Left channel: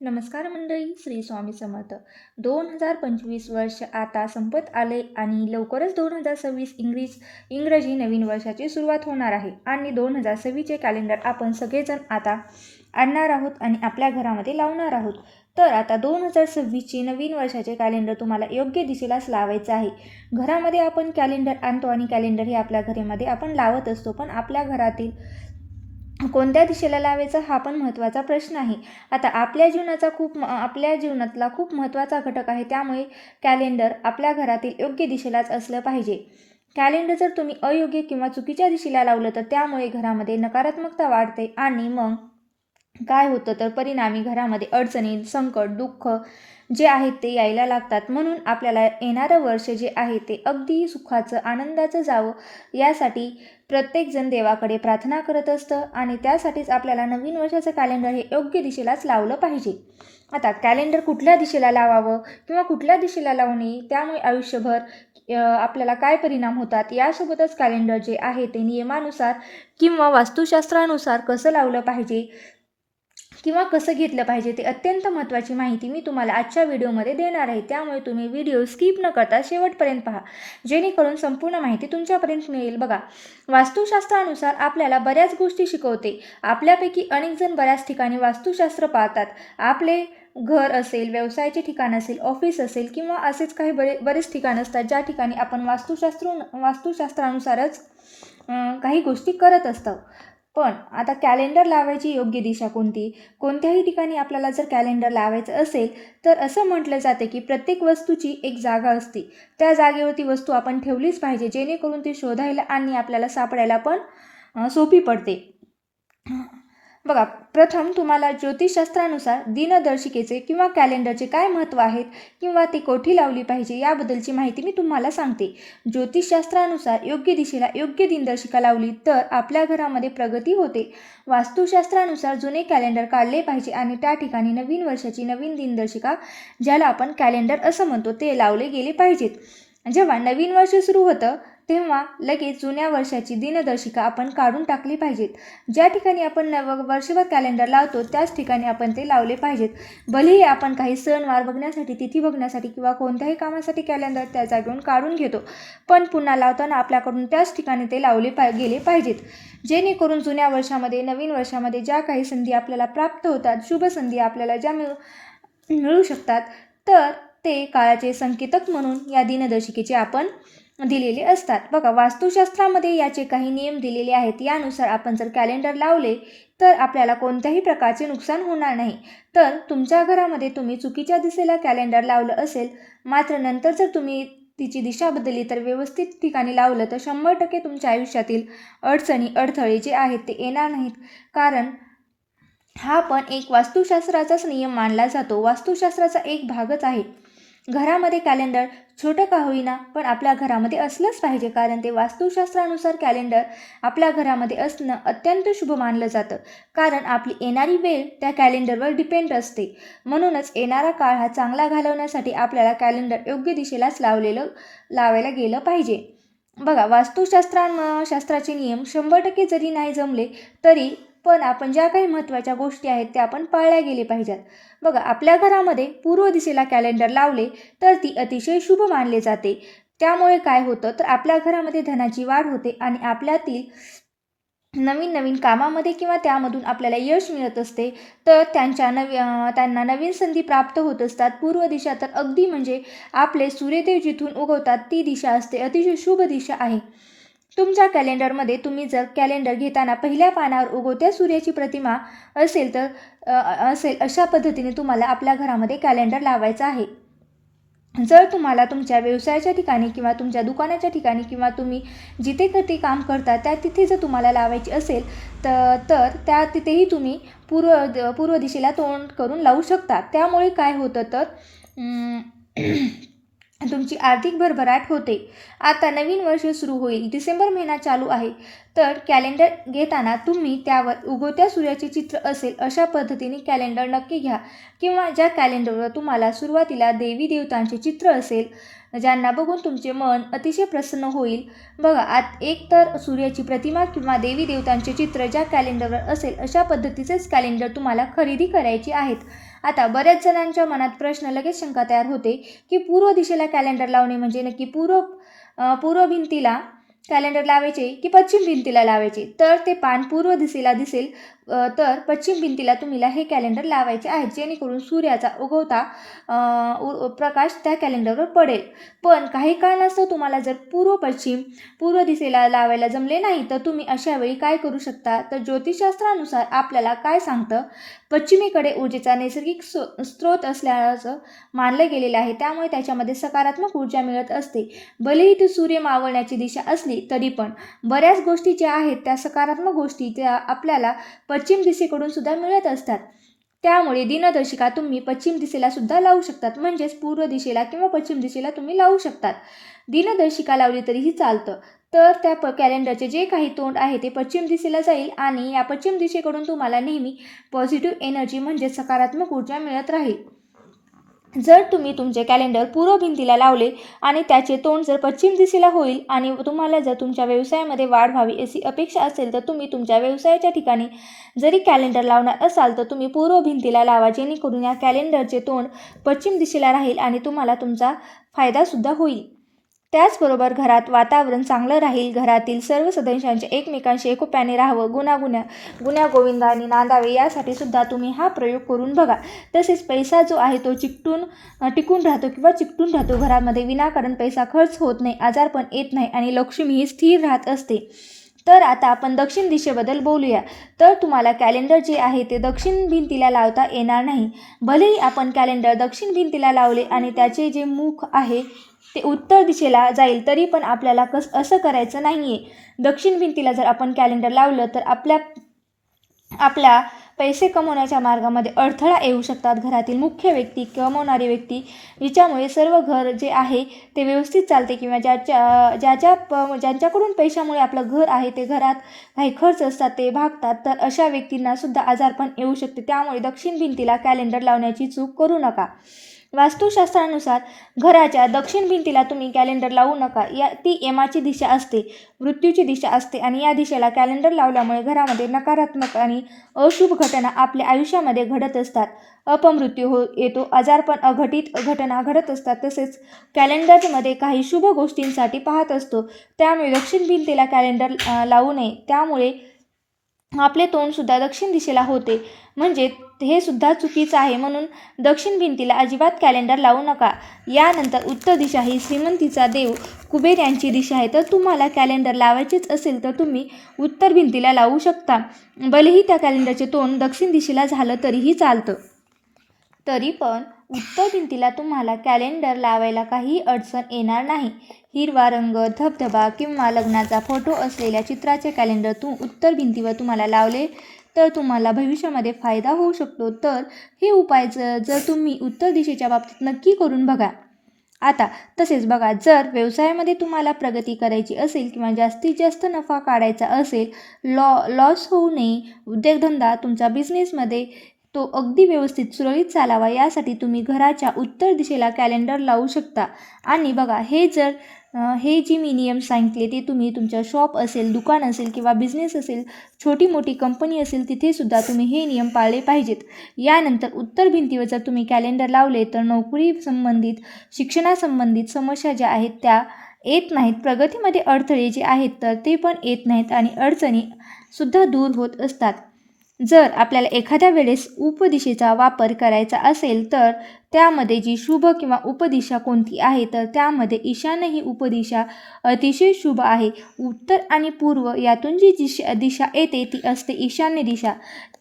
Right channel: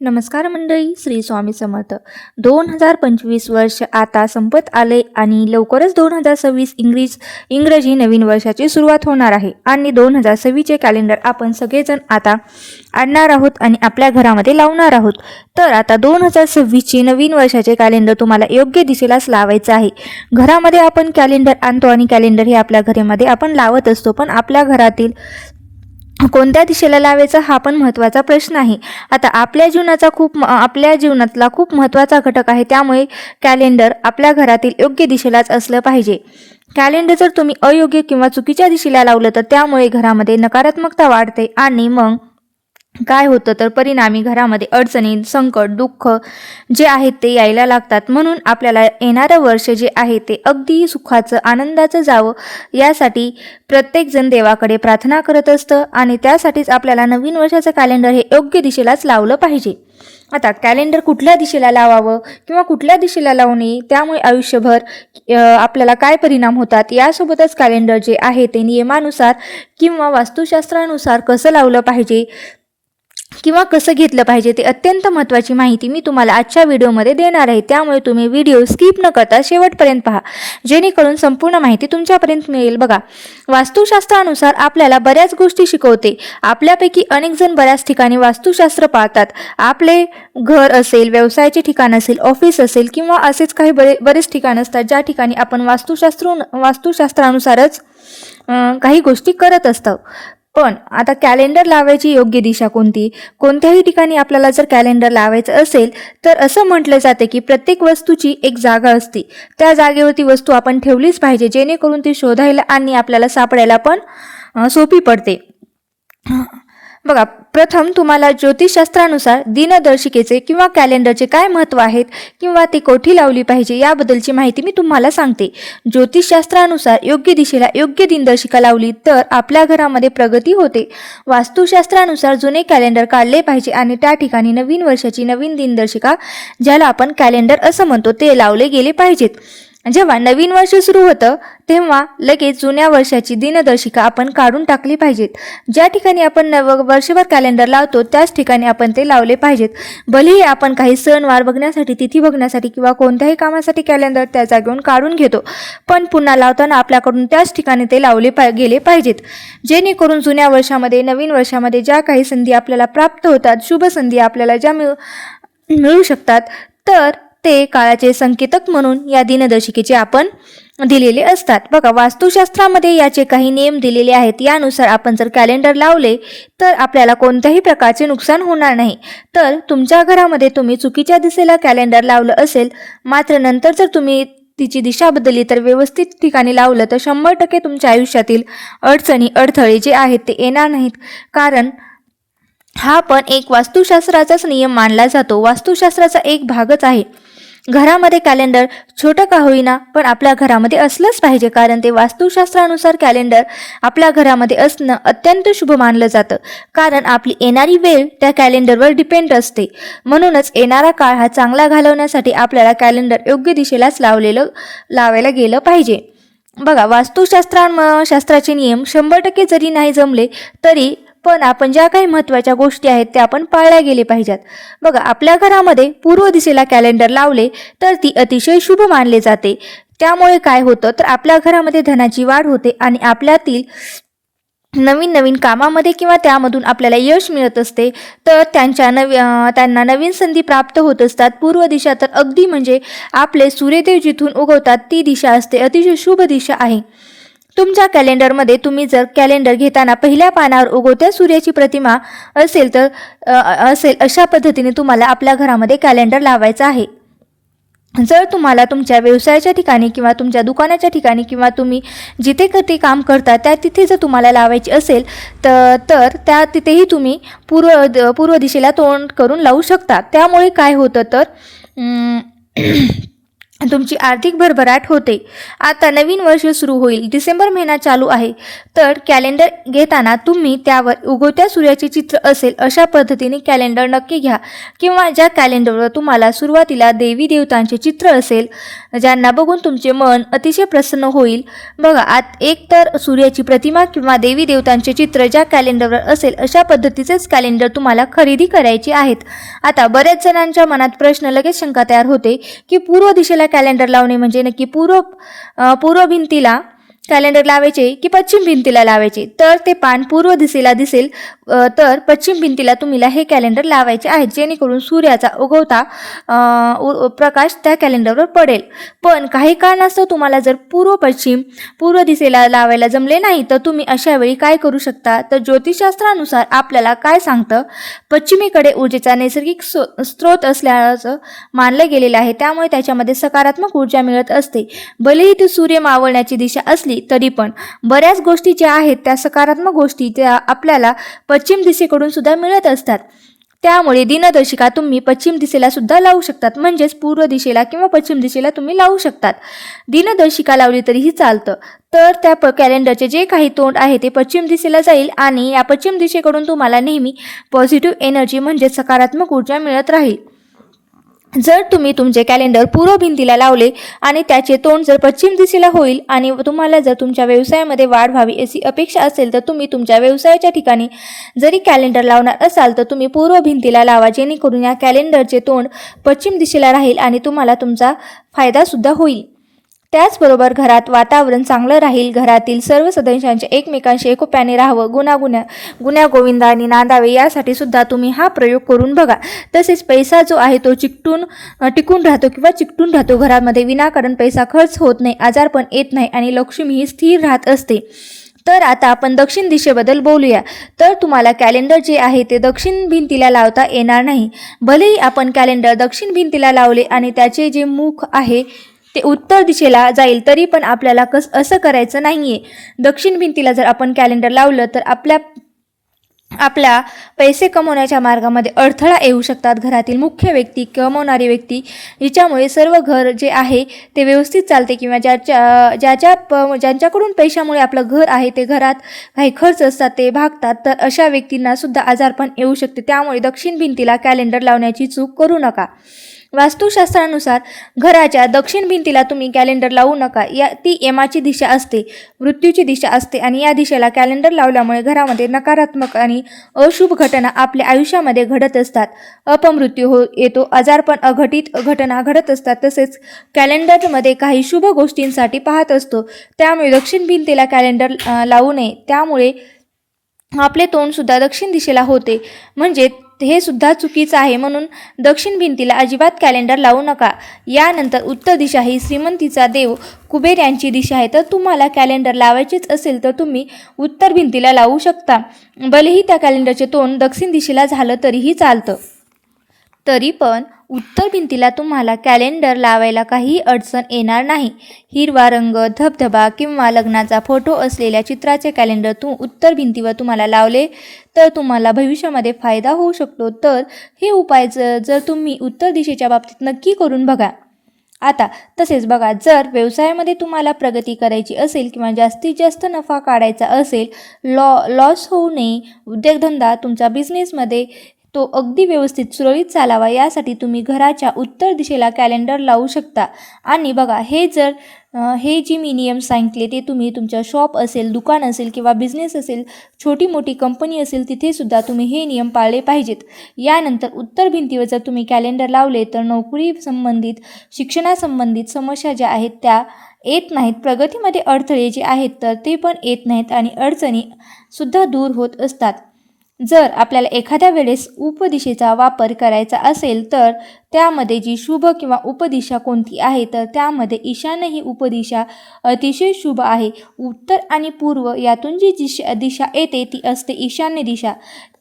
नमस्कार मंडळी, श्री स्वामी समर्थ. 2025 वर्ष आता संपत आले आणि लवकरच 2026 इंग्रजी नवीन वर्षाची सुरुवात होणार आहे. आणि 2026चे कॅलेंडर आपण सगळेजण आता आणणार आहोत आणि आपल्या घरामध्ये लावणार आहोत. तर आता 2026चे नवीन वर्षाचे कॅलेंडर तुम्हाला योग्य दिशेलाच लावायचं आहे. घरामध्ये आपण कॅलेंडर आणतो आणि कॅलेंडर हे आपल्या घरामध्ये आपण लावत असतो, पण आपल्या घरातील कोणत्या दिशेला लावायचं हा पण महत्त्वाचा प्रश्न आहे. आता आपल्या जीवनातला खूप महत्त्वाचा घटक आहे, त्यामुळे कॅलेंडर आपल्या घरातील योग्य दिशेलाच असलं पाहिजे. कॅलेंडर जर तुम्ही अयोग्य किंवा चुकीच्या दिशेला लावलं तर त्यामुळे घरामध्ये नकारात्मकता वाढते आणि मग काय होतं तर परिणामी घरामध्ये अडचणी, संकट, दुःख जे आहेत ते यायला लागतात. म्हणून आपल्याला येणारं वर्ष जे आहे ते अगदी सुखाचं, आनंदाचं जावं यासाठी प्रत्येकजण देवाकडे प्रार्थना करत असतं आणि त्यासाठीच आपल्याला नवीन वर्षाचं कॅलेंडर हे योग्य दिशेलाच लावलं पाहिजे. आता कॅलेंडर कुठल्या दिशेला लावावं किंवा कुठल्या दिशेला लावू नये, त्यामुळे आयुष्यभर आपल्याला काय परिणाम होतात, यासोबतच कॅलेंडर जे आहे ते नियमानुसार किंवा वास्तुशास्त्रानुसार कसं लावलं पाहिजे किंवा कसं घेतलं पाहिजे ते अत्यंत महत्त्वाची माहिती मी तुम्हाला आजच्या व्हिडिओमध्ये देणार आहे. त्यामुळे तुम्ही व्हिडिओ स्किप न करता शेवटपर्यंत पहा, जेणेकरून संपूर्ण माहिती तुमच्यापर्यंत मिळेल. बघा, वास्तुशास्त्रानुसार आपल्याला बऱ्याच गोष्टी शिकवते. आपल्यापैकी अनेक जण बऱ्याच ठिकाणी वास्तुशास्त्र पाळतात. आपले घर असेल, व्यवसायाचे ठिकाण असेल, ऑफिस असेल किंवा असेच काही बरेच ठिकाण असतात ज्या ठिकाणी आपण वास्तुशास्त्रानुसारच काही गोष्टी करत असतो. पण आता कॅलेंडर लावायची योग्य दिशा कोणती? कोणत्याही ठिकाणी आपल्याला जर कॅलेंडर लावायचं असेल तर असं म्हटलं जाते की प्रत्येक वस्तूची एक जागा असते. त्या जागेवरती वस्तू आपण ठेवलीच पाहिजे, जेणेकरून ती शोधायला आणि आपल्याला सापडायला पण सोपी पडते. बघा, प्रथम तुम्हाला ज्योतिषशास्त्रानुसार दिनदर्शिकेचे किंवा कॅलेंडरचे काय महत्त्व आहेत किंवा ती कोठी लावली पाहिजे याबद्दलची माहिती मी तुम्हाला सांगते. ज्योतिषशास्त्रानुसार योग्य दिशेला योग्य दिनदर्शिका लावली तर आपल्या घरामध्ये प्रगती होते. वास्तुशास्त्रानुसार जुने कॅलेंडर काढले पाहिजे आणि त्या ठिकाणी नवीन वर्षाची नवीन दिनदर्शिका, ज्याला आपण कॅलेंडर असं म्हणतो, ते लावले गेले पाहिजेत. जेव्हा नवीन वर्ष सुरू होतं तेव्हा लगेच जुन्या वर्षाची दिनदर्शिका आपण काढून टाकली पाहिजेत. ज्या ठिकाणी आपण वर्षभर कॅलेंडर लावतो त्याच ठिकाणी आपण ते लावले पाहिजेत. भलेही आपण काही सणवार बघण्यासाठी, तिथी बघण्यासाठी किंवा कोणत्याही कामासाठी कॅलेंडर त्या जागेवरून काढून घेतो, पण पुन्हा लावताना आपल्याकडून त्याच ठिकाणी ते लावले गेले पाहिजेत, जेणेकरून जुन्या वर्षामध्ये, नवीन वर्षामध्ये ज्या काही संधी आपल्याला प्राप्त होतात, शुभ संधी आपल्याला ज्या मिळू शकतात, तर ते काळाचे संकेतक म्हणून या दिनदर्शिकेचे आपण दिलेले असतात. बघा, वास्तुशास्त्रामध्ये याचे काही नियम दिलेले आहेत. यानुसार आपण जर कॅलेंडर लावले तर आपल्याला कोणत्याही प्रकारचे नुकसान होणार नाही. तर तुमच्या घरामध्ये तुम्ही चुकीच्या दिशेला कॅलेंडर लावलं असेल, मात्र नंतर जर तुम्ही तिची दिशा बदलली तर व्यवस्थित ठिकाणी लावलं तर 100% तुमच्या आयुष्यातील अडचणी, अडथळे जे आहेत ते येणार नाहीत. कारण हा पण एक वास्तुशास्त्राचाच नियम मानला जातो, वास्तुशास्त्राचा एक भागच आहे. घरामध्ये कॅलेंडर छोटं का होईना पण आपल्या घरामध्ये असलंच पाहिजे, कारण ते वास्तुशास्त्रानुसार कॅलेंडर आपल्या घरामध्ये असणं अत्यंत शुभ मानलं जातं. कारण आपली येणारी वेळ त्या कॅलेंडरवर डिपेंड असते. म्हणूनच येणारा काळ हा चांगला घालवण्यासाठी आपल्याला कॅलेंडर योग्य दिशेलाच लावायला गेलं पाहिजे. बघा, वास्तुशास्त्राचे नियम 100% जरी नाही जमले तरी पण आपण ज्या काही महत्त्वाच्या गोष्टी आहेत त्या आपण पाळल्या गेले पाहिजेत. बघा, आपल्या घरामध्ये पूर्व दिशेला कॅलेंडर लावले तर ती अतिशय शुभ मानले जाते. त्यामुळे काय होतं तर आपल्या घरामध्ये धनाची वाढ होते आणि आपल्यातील नवीन नवीन कामामध्ये किंवा त्यामधून आपल्याला यश मिळत असते. तर त्यांना नवीन संधी प्राप्त होत असतात. पूर्व दिशा तर अगदी म्हणजे आपले सूर्यदेव जिथून उगवतात ती दिशा असते, अतिशय शुभ दिशा आहे. तुमच्या कॅलेंडरमध्ये तुम्ही जर कॅलेंडर घेताना पहिल्या पानावर उगवत्या सूर्याची प्रतिमा असेल अशा पद्धतीने तुम्हाला आपल्या घरामध्ये कॅलेंडर लावायचं आहे. जर तुम्हाला तुमच्या व्यवसायाच्या ठिकाणी किंवा तुमच्या दुकानाच्या ठिकाणी किंवा तुम्ही जिथे कधी काम करता त्या तिथे जर तुम्हाला लावायची असेल तर त्या तिथेही तुम्ही पूर्व दिशेला तोंड करून लावू शकता. त्यामुळे काय होतं तर तुमची आर्थिक भरभराट होते. आता नवीन वर्ष सुरू होईल. डिसेंबर महिना चालू आहे. तर कॅलेंडर घेताना तुम्ही त्यावर उगवत्या सूर्याचे चित्र असेल अशा पद्धतीने कॅलेंडर नक्की घ्या, किंवा ज्या कॅलेंडरवर तुम्हाला सुरुवातीला देवी देवतांचे चित्र असेल ज्यांना बघून तुमचे मन अतिशय प्रसन्न होईल. बघा, एक तर सूर्याची प्रतिमा किंवा देवी देवतांचे चित्र ज्या कॅलेंडरवर असेल अशा पद्धतीचेच कॅलेंडर तुम्हाला खरेदी करायचे आहेत. आता बऱ्याच जणांच्या मनात प्रश्न, लगेच शंका तयार होते की पूर्व दिशेला कॅलेंडर लावणे म्हणजे नक्की पूर्व भिंतीला कॅलेंडर लावायचे की पश्चिम भिंतीला लावायचे. तर ते पान पूर्व दिशेला दिसेल, तर पश्चिम भिंतीला तुम्हाला हे कॅलेंडर लावायचे आहेत, जेणेकरून सूर्याचा उगवता प्रकाश त्या कॅलेंडरवर पडेल. पण काही कारणास्तव तुम्हाला जर पूर्व दिशेला लावायला जमले नाही, तर तुम्ही अशा वेळी काय करू शकता, तर ज्योतिषशास्त्रानुसार आपल्याला काय सांगतं, पश्चिमेकडे ऊर्जेचा नैसर्गिक स्रोत असल्याचं मानलं गेलेलं आहे. त्यामुळे त्याच्यामध्ये सकारात्मक ऊर्जा मिळत असते. भलेही ती सूर्य मावळण्याची दिशा असली तरी पण बऱ्याच गोष्टी ज्या आहेत त्या सकारात्मक गोष्टी त्या आपल्याला पश्चिम दिशेकडून सुद्धा मिळत असतात. त्यामुळे दिनदर्शिका तुम्ही पश्चिम दिशेला सुद्धा लावू शकतात, म्हणजेच पूर्व दिशेला किंवा पश्चिम दिशेला तुम्ही लावू शकतात. दिनदर्शिका लावली तरीही चालतं. तर त्या कॅलेंडरचे जे काही तोंड आहे ते पश्चिम दिशेला जाईल आणि या पश्चिम दिशेकडून तुम्हाला नेहमी पॉझिटिव्ह एनर्जी म्हणजे सकारात्मक ऊर्जा मिळत राहील. जर तुम्ही तुमचे कॅलेंडर पूर्व भिंतीला लावले आणि त्याचे तोंड जर पश्चिम दिशेला होईल आणि तुम्हाला जर तुमच्या व्यवसायामध्ये वाढ व्हावी अशी अपेक्षा असेल, तर तुम्ही तुमच्या व्यवसायाच्या ठिकाणी जरी कॅलेंडर लावणार असाल तर तुम्ही पूर्व भिंतीला लावा, जेणेकरून या कॅलेंडरचे तोंड पश्चिम दिशेला राहील आणि तुम्हाला तुमचा फायदा सुद्धा होईल. त्याचबरोबर घरात वातावरण चांगलं राहील. घरातील सर्व सदस्यांचे एकमेकांशी एकोप्याने राहावं, गुण्या गोविंदाने नांदावे यासाठी सुद्धा तुम्ही हा प्रयोग करून बघा. तसेच पैसा जो आहे तो टिकून राहतो घरामध्ये. विनाकारण पैसा खर्च होत नाही, आजारपण येत नाही आणि लक्ष्मी ही स्थिर राहत असते. तर आता आपण दक्षिण दिशेबद्दल बोलूया. तर तुम्हाला कॅलेंडर जे आहे ते दक्षिण भिंतीला लावता येणार नाही. भलेही आपण कॅलेंडर दक्षिण भिंतीला लावले आणि त्याचे जे मुख आहे ते उत्तर दिशेला जाईल, तरी पण आपल्याला असं करायचं नाहीये. दक्षिण भिंतीला जर आपण कॅलेंडर लावलं तर आपल्या पैसे कमवण्याच्या मार्गामध्ये अडथळा येऊ शकतात. घरातील मुख्य व्यक्ती, कमवणारी व्यक्ती, जिच्यामुळे सर्व घर जे आहे ते व्यवस्थित चालते, किंवा ज्यांच्याकडून पैशामुळे आपलं घर आहे ते घरात काही खर्च असतात ते भागतात, तर अशा व्यक्तींना सुद्धा आजारपण येऊ शकते. त्यामुळे दक्षिण भिंतीला कॅलेंडर लावण्याची चूक करू नका. वास्तुशास्त्रानुसार घराच्या दक्षिण भिंतीला तुम्ही कॅलेंडर लावू नका. ती यमाची दिशा असते, मृत्यूची दिशा असते, आणि या दिशेला कॅलेंडर लावल्यामुळे घरामध्ये नकारात्मक आणि अशुभ घटना आपल्या आयुष्यामध्ये घडत असतात. अपमृत्यू येतो, आजारपण, अघटित घटना घडत असतात. तसेच कॅलेंडरमध्ये काही शुभ गोष्टींसाठी पाहत असतो. त्यामुळे दक्षिण भिंतीला कॅलेंडर लावू नये. त्यामुळे आपले तोंड सुद्धा दक्षिण दिशेला होते, म्हणजे हे सुद्धा चुकीचं आहे. म्हणून दक्षिण भिंतीला अजिबात कॅलेंडर लावू नका. यानंतर उत्तर दिशा ही श्रीमंतीचा देव कुबेर यांची दिशा आहे. तर तुम्हाला कॅलेंडर लावायचेच असेल तर तुम्ही उत्तर भिंतीला लावू शकता. भलेही त्या कॅलेंडरचे तोंड दक्षिण दिशेला झालं तरीही चालतं. तरी पण उत्तर भिंतीला तुम्हाला कॅलेंडर लावायला काही अडचण येणार नाही. हिरवा रंग, धबधबा किंवा लग्नाचा फोटो असलेल्या चित्राचे कॅलेंडर उत्तर भिंतीवर तुम्हाला लावले तर तुम्हाला भविष्यामध्ये फायदा होऊ शकतो. तर हे उपाय जर तुम्ही उत्तर दिशेच्या बाबतीत नक्की करून बघा. आता तसेच बघा, जर व्यवसायामध्ये तुम्हाला प्रगती करायची असेल किंवा जास्तीत जास्त नफा काढायचा असेल, लॉस होऊ नये, उद्योगधंदा तुमचा बिझनेसमध्ये तो अगदी व्यवस्थित सुरळीत चालावा, यासाठी तुम्ही घराच्या उत्तर दिशेला कॅलेंडर लावू शकता. आणि बघा, हे जे मी नियम सांगितले ते तुम्ही तुमच्या शॉप असेल, दुकान असेल किंवा बिझनेस असेल, छोटी मोठी कंपनी असेल, तिथे सुद्धा तुम्ही हे नियम पाळले पाहिजेत. यानंतर उत्तर भिंतीवर जर तुम्ही कॅलेंडर लावले तर नोकरी संबंधित, शिक्षणासंबंधित समस्या ज्या आहेत त्या येत नाहीत. प्रगतीमध्ये अडथळे जे आहेत तर ते पण येत नाहीत आणि अडचणी सुद्धा दूर होत असतात. जर आपल्याला एखाद्या वेळेस उपदिशेचा वापर करायचा असेल तर त्यामध्ये जी शुभ किंवा उपदिशा कोणती आहे, तर त्यामध्ये ईशान्य ही उपदिशा अतिशय शुभ आहे. उत्तर आणि पूर्व यातून जी दिशा येते ती असते ईशान्य दिशा.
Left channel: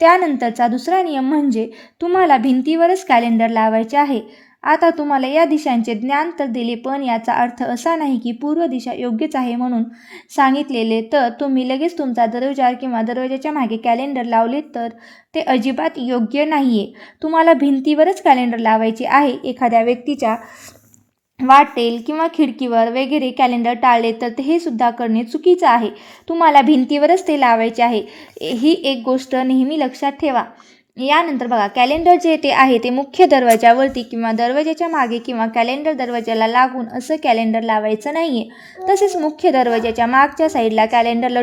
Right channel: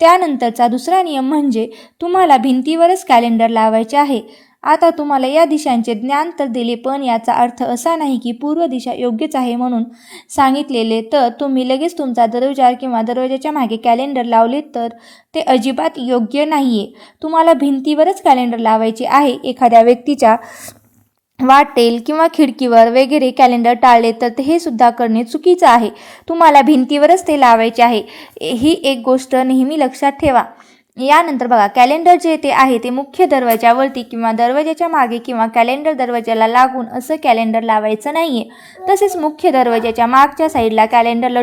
त्यानंतरचा दुसरा नियम म्हणजे तुम्हाला भिंतीवरच कॅलेंडर लावायचे आहे. आता तुम्हाला या दिशांचे ज्ञान तर दिले, पण याचा अर्थ असा नाही की पूर्व दिशा योग्यच आहे म्हणून सांगितलेले तर तुम्ही लगेच तुमचा दरवाजा किंवा दरवाजाच्या मागे कॅलेंडर लावले तर ते अजिबात योग्य नाही आहे. तुम्हाला भिंतीवरच कॅलेंडर लावायचे आहे. एखाद्या व्यक्तीच्या वाटेल किंवा खिडकीवर वगैरे कॅलेंडर टाळले तर हे सुद्धा करणे चुकीचं आहे. तुम्हाला भिंतीवरच ते लावायचे आहे. ही एक गोष्ट नेहमी लक्षात ठेवा. यानंतर बघा, कॅलेंडर जे ते आहे ते मुख्य दरवाजावरती किंवा दरवाजाच्या मागे किंवा कॅलेंडर दरवाजाला लागून असं कॅलेंडर लावायचं नाही आहे. तसेच मुख्य दरवाजाच्या मागच्या साईडला कॅलेंडर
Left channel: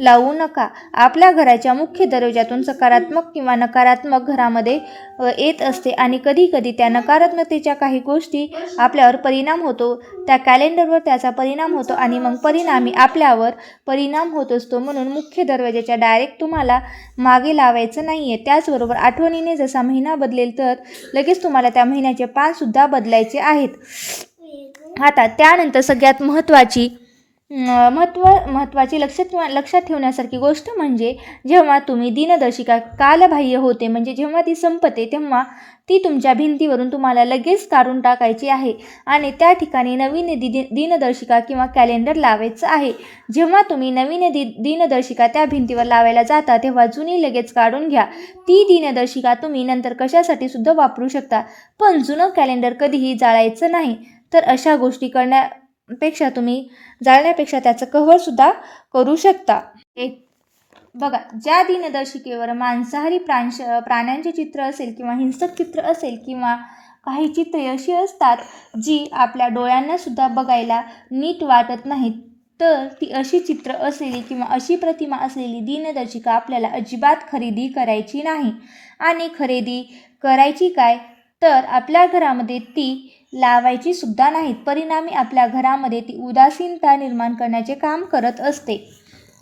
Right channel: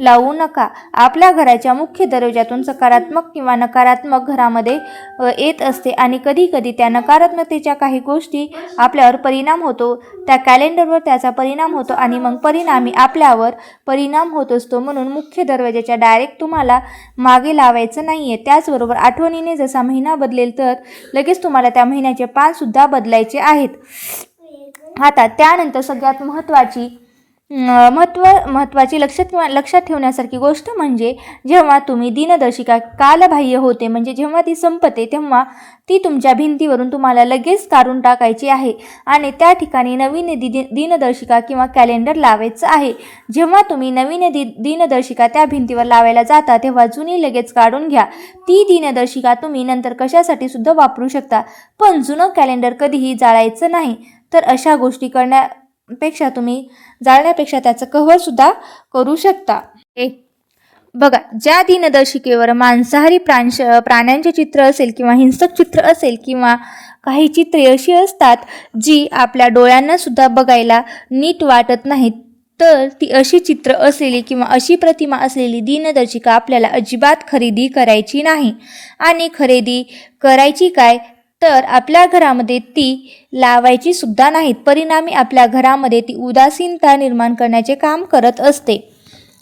लावू नका. आपल्या घराच्या मुख्य दरवाजातून सकारात्मक किंवा नकारात्मक घरामध्ये येत असते आणि कधी कधी त्या नकारात्मकतेच्या काही गोष्टी आपल्यावर परिणाम होतो. त्या कॅलेंडरवर त्याचा परिणाम होतो आणि मग परिणामी आपल्यावर परिणाम होत असतो. म्हणून मुख्य दरवाजाच्या डायरेक्ट तुम्हाला मागे लावायचं नाही आहे. त्याचबरोबर आठवणीने जसा महिना बदलेल तर लगेच तुम्हाला त्या महिन्याचे पानसुद्धा बदलायचे आहेत. आता त्यानंतर सगळ्यात महत्त्वाची लक्षात ठेवण्यासारखी गोष्ट म्हणजे जेव्हा तुम्ही दिनदर्शिका कालबाह्य होते म्हणजे जेव्हा ती संपते तेव्हा ती तुमच्या भिंतीवरून तुम्हाला लगेच काढून टाकायची आहे आणि त्या ठिकाणी नवीन दिनदर्शिका किंवा कॅलेंडर लावायचं आहे. जेव्हा तुम्ही नवीन दिनदर्शिका त्या भिंतीवर लावायला जाता तेव्हा जुनी लगेच काढून घ्या. ती दिनदर्शिका तुम्ही नंतर कशासाठी सुद्धा वापरू शकता, पण जुनं कॅलेंडर कधीही जाळायचं नाही. तर अशा गोष्टी करण्यापेक्षा तुम्ही जाळण्यापेक्षा त्याचं कव्हरसुद्धा करू शकता. बघा, ज्या दिनदर्शिकेवर मांसाहारी प्राण्यांचे चित्र असेल किंवा हिंसक चित्र असेल किंवा काही चित्रे अशी असतात जी आपल्या डोळ्यांना सुद्धा बघायला नीट वाटत नाहीत, तर ती अशी चित्र असलेली किंवा अशी प्रतिमा असलेली दिनदर्शिका आपल्याला अजिबात खरेदी करायची नाही. आणि खरेदी करायची काय तर आपल्या घरामध्ये ती लावायची सुद्धा नाहीत. परिणामी आपल्या घरामध्ये ती उदासीनता निर्माण करण्याचे काम करत असते.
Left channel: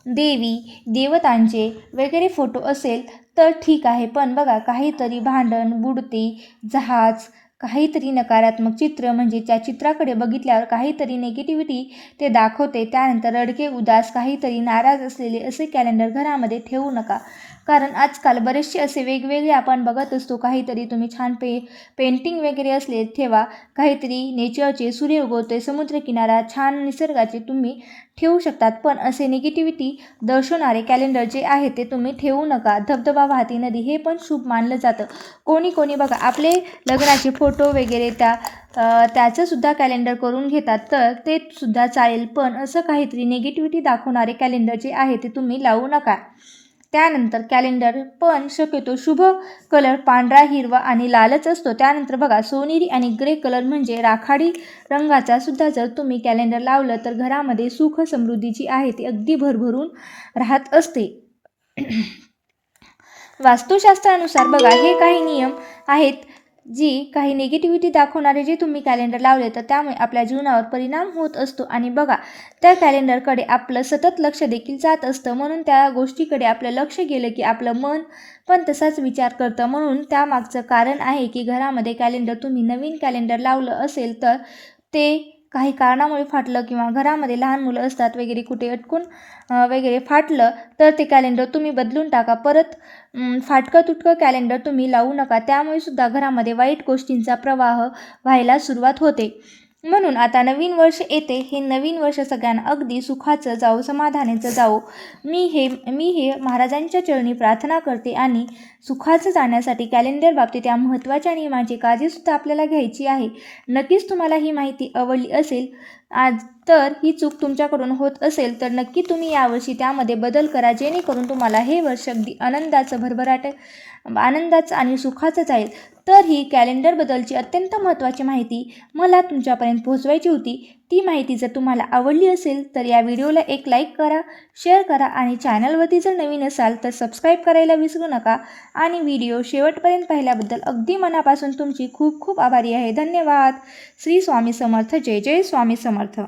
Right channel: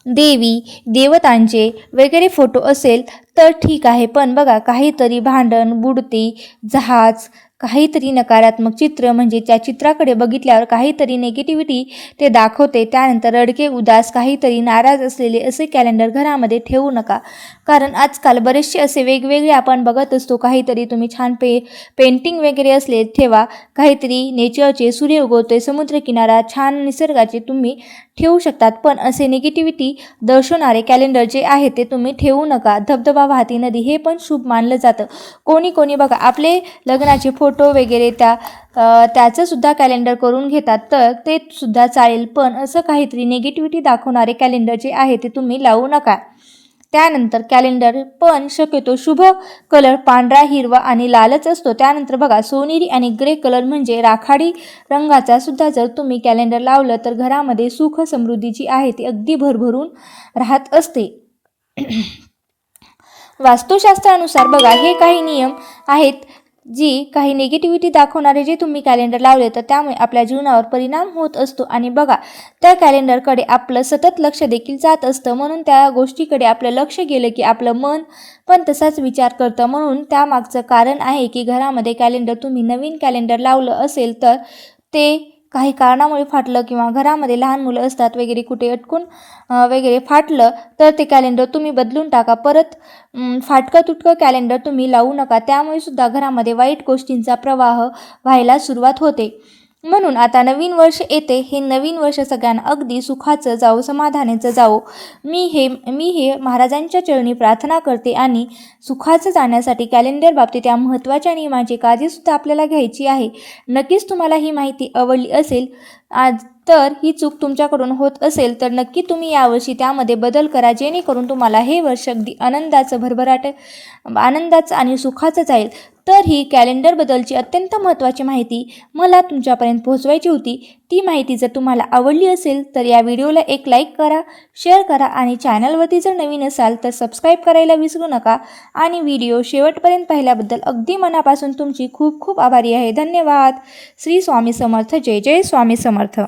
देवी देवतांचे वगैरे फोटो असेल तर ठीक आहे, पण बघा काहीतरी भांडण, बुडती जहाज, काहीतरी नकारात्मक चित्र म्हणजे त्या चित्राकडे बघितल्यावर काहीतरी नेगेटिव्हिटी ते दाखवते. त्यानंतर रडके, उदास, काहीतरी नाराज असलेले असे कॅलेंडर घरामध्ये ठेवू नका. कारण आजकाल बरेचसे असे वेगवेगळे आपण बघत असतो. काहीतरी तुम्ही छान पेंटिंग वगैरे असले ठेवा. काहीतरी नेचरचे, सूर्य उगवते, समुद्रकिनारा, छान निसर्गाचे तुम्ही ठेवू शकतात. पण असे निगेटिव्हिटी दर्शवणारे कॅलेंडर जे आहे ते तुम्ही ठेवू नका. धबधबा, वाहती नदी हे पण शुभ मानलं जातं. कोणी बघा आपले लग्नाचे फोटो वगैरे त्याचंसुद्धा कॅलेंडर करून घेतात, तर ते सुद्धा चालेल. पण असं काहीतरी निगेटिव्हिटी दाखवणारे कॅलेंडर जे आहे ते तुम्ही लावू नका. त्यानंतर कॅलेंडर पण शक्यतो शुभ कलर पांढरा, हिरवा आणि लालच असतो. त्यानंतर बघा सोनेरी आणि ग्रे कलर म्हणजे राखाडी रंगाचा सुद्धा जर तुम्ही कॅलेंडर लावलं तर घरामध्ये सुख समृद्धी जी आहे ती अगदी भरभरून राहत असते. वास्तुशास्त्रानुसार बघा हे काही नियम आहेत जी काही निगेटिव्हिटी दाखवणारे जे तुम्ही कॅलेंडर लावले तर त्यामुळे आपल्या जीवनावर परिणाम होत असतो. आणि बघा त्या कॅलेंडरकडे आपलं सतत लक्ष देखील जात असतं. म्हणून त्या गोष्टीकडे आपलं लक्ष गेलं की आपलं मन पण तसाच विचार करतं. म्हणून त्यामागचं कारण आहे की घरामध्ये कॅलेंडर तुम्ही नवीन कॅलेंडर लावलं असेल तर ते काही कारणामुळे फाटलं किंवा घरामध्ये लहान मुलं असतात वगैरे कुठे अटकून वगैरे फाटलं तर ते कॅलेंडर तुम्ही बदलून टाका. परत फाटकं तुटकं कॅलेंडर तुम्ही लावू नका. त्यामुळे सुद्धा घरामध्ये वाईट गोष्टींचा प्रवाह व्हायला सुरुवात होते. म्हणून आता नवीन वर्ष येते. हे नवीन वर्ष सगळ्यांना अगदी सुखाचं जावो, समाधानाचं जावो. मी हे महाराजांच्या चरणी प्रार्थना करते. आणि सुखाचं जाण्यासाठी कॅलेंडर बाबतीत या महत्त्वाच्या नियमांची काळजीसुद्धा आपल्याला घ्यायची आहे. नक्कीच तुम्हाला ही माहिती आवडली असेल. तर ही चूक तुमच्याकडून होत असेल तर नक्की तुम्ही यावर्षी त्यामध्ये बदल करा, जेणेकरून तुम्हाला हे वर्ष अगदी आनंदाचं आणि सुखाचं जाईल. तर ही कॅलेंडरबद्दलची अत्यंत महत्त्वाची माहिती मला तुमच्यापर्यंत पोहोचवायची होती. ती माहिती जर तुम्हाला आवडली असेल तर या व्हिडिओला एक लाईक करा, शेअर करा आणि चॅनलवरती जर नवीन असाल तर सबस्क्राईब करायला विसरू नका. आणि व्हिडिओ शेवटपर्यंत पाहिल्याबद्दल अगदी मनापासून तुमची खूप खूप आभारी आहे. धन्यवाद. श्री स्वामी समर्थ. जय जय स्वामी समर्थ.